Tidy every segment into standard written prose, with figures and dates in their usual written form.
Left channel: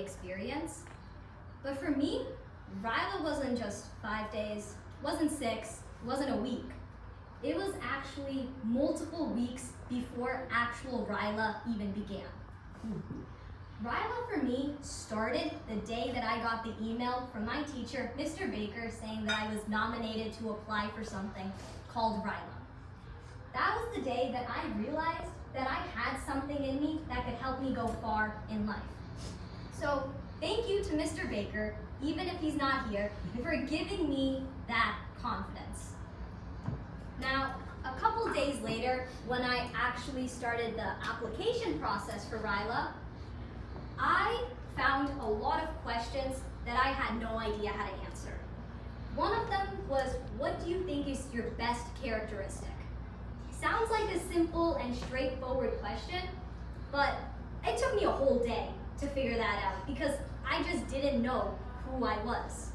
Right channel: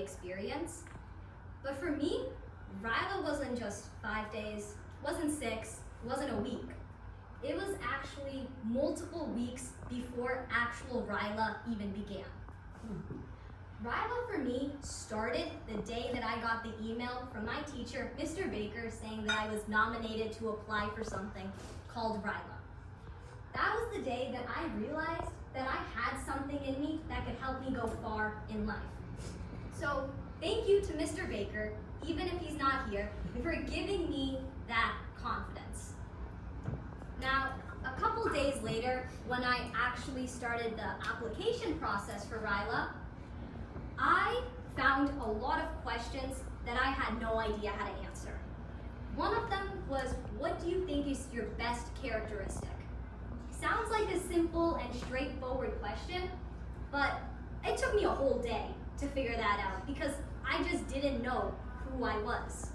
experience. But for me, RYLA wasn't just 5 days, wasn't 6, wasn't a week. It was actually multiple weeks before actual RYLA even began. RYLA for me started the day that I got the email from my teacher, Mr. Baker, saying that I was nominated to apply for something called RYLA. That was the day that I realized that I had something in me that could help me go far in life. So thank you to Mr. Baker, even if he's not here, for giving me that confidence. Now, a couple days later, when I actually started the application process for RYLA, I found a lot of questions that I had no idea how to answer. One of them was, what do you think is your best characteristic? Sounds like a simple and straightforward question, but it took me a whole day to figure that out because I just didn't know who I was.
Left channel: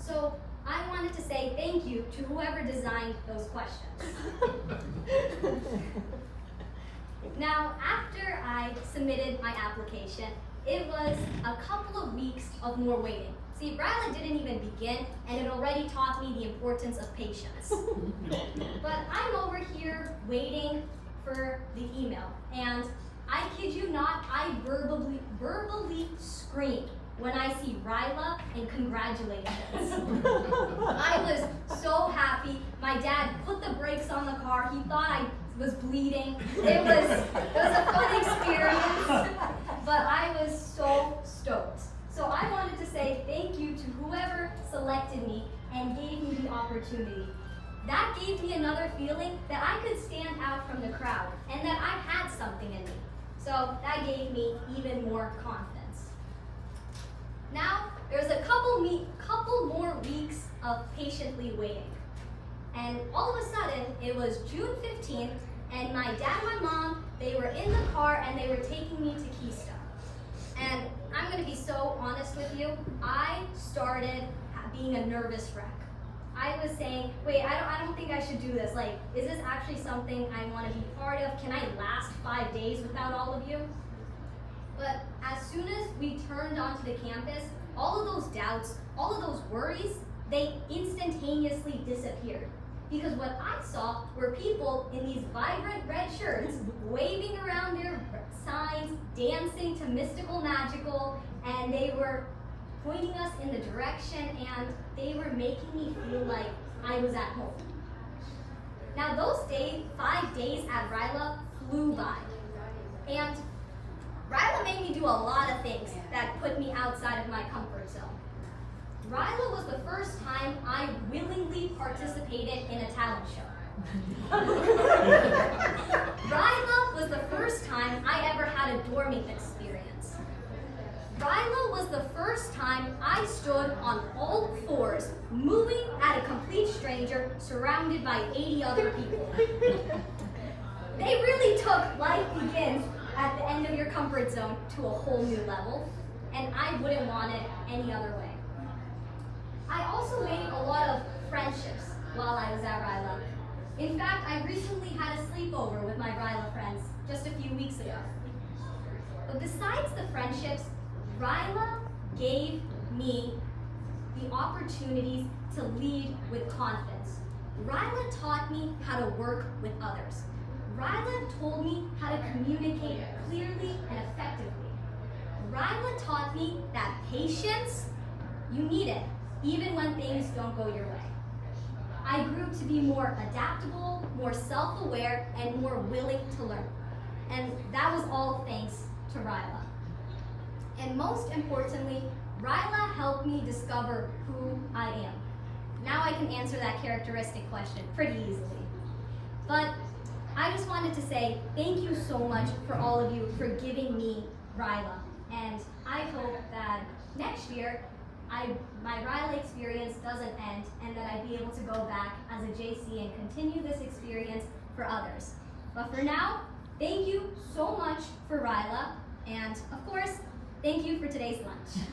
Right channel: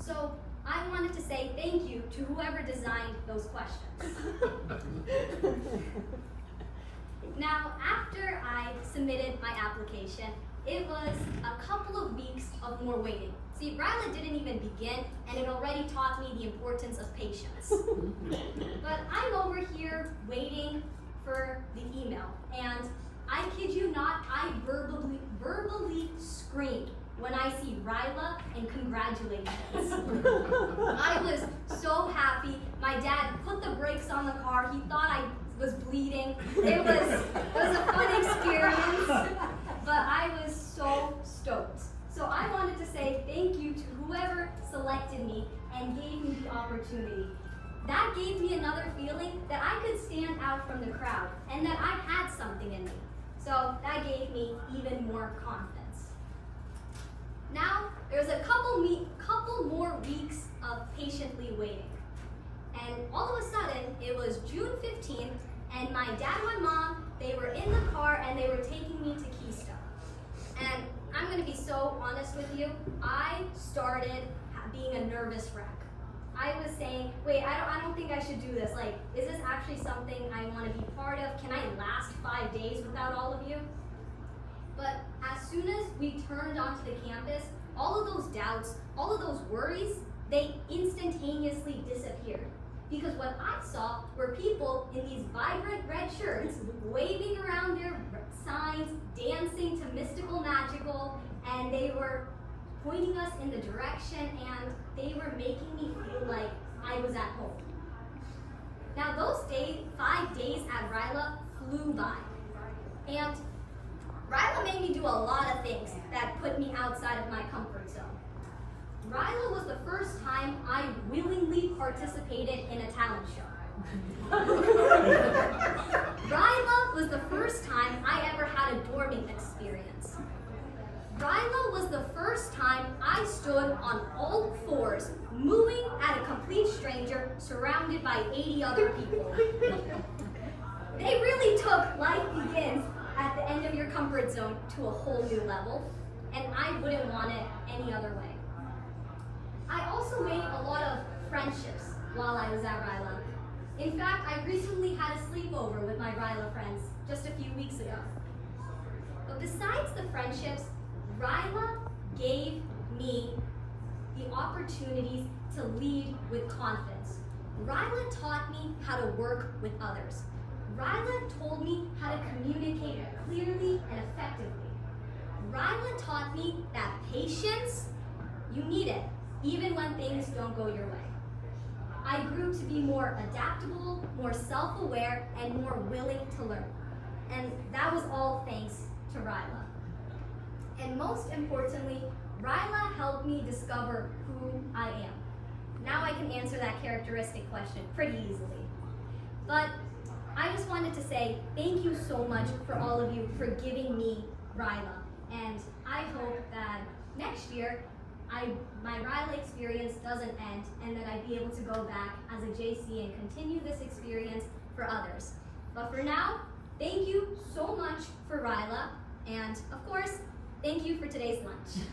So I wanted to say thank you to whoever designed those questions. Now, after I submitted my application, it was a couple of weeks of more waiting. See, RYLA didn't even begin, and it already taught me the importance of patience. But I'm over here waiting for the email, and I kid you not, I verbally screamed when I see RYLA and congratulations. I was so happy. My dad put the brakes on the car. He thought I was bleeding. It was a fun experience, but I was so stoked. So I wanted to say thank you to whoever selected me and gave me the opportunity. That gave me another feeling that I could stand out from the crowd and that I had something in me. So that gave me even more confidence. Now, there's a couple more weeks of patiently waiting. And all of a sudden, it was June 15th, and my dad and my mom, they were in the car and they were taking me to Keystone. And I'm gonna be so honest with you, I started being a nervous wreck. I was saying, wait, I don't think I should do this. Like, is this actually something I want to be part of? Can I last 5 days without all of you? But as soon as we turned onto the campus, all of those doubts, all of those worries, they instantaneously disappeared. Because what I saw were people in these vibrant red shirts waving around their signs, dancing to Mystical Magical, and they were pointing us in the direction, and they were making me feel like I was at home. Now those 5 days at RYLA flew by. And RYLA made me do a lot of things that put me outside of my comfort zone. RYLA was the first time I willingly participated in a talent show. RYLA was the first time I ever had a dorming experience. RYLA was the first time I stood on all fours, moving at a complete stranger, surrounded by 80 other people. They really took Life Begins at the end of your comfort zone to a whole new level, and I wouldn't want it any other way. I also made a lot of friendships while I was at RYLA. In fact, I recently had a sleepover with my RYLA friends just a few weeks ago. But besides the friendships, RYLA gave me the opportunities to lead with confidence. RYLA taught me how to work with others. RYLA told me how to communicate clearly and effectively. RYLA taught me that patience, you need it, even when things don't go your way. I grew to be more adaptable, more self-aware, and more willing to learn. And that was all thanks to RYLA. And most importantly, RYLA helped me discover who I am. Now I can answer that characteristic question pretty easily. But I just wanted to say thank you so much for all of you for giving me RYLA. And I hope that next year, my RYLA experience doesn't end and that I'd be able to go back as a JC and continue this experience for others. But for now, thank you so much for RYLA, and of course, thank you for today's lunch.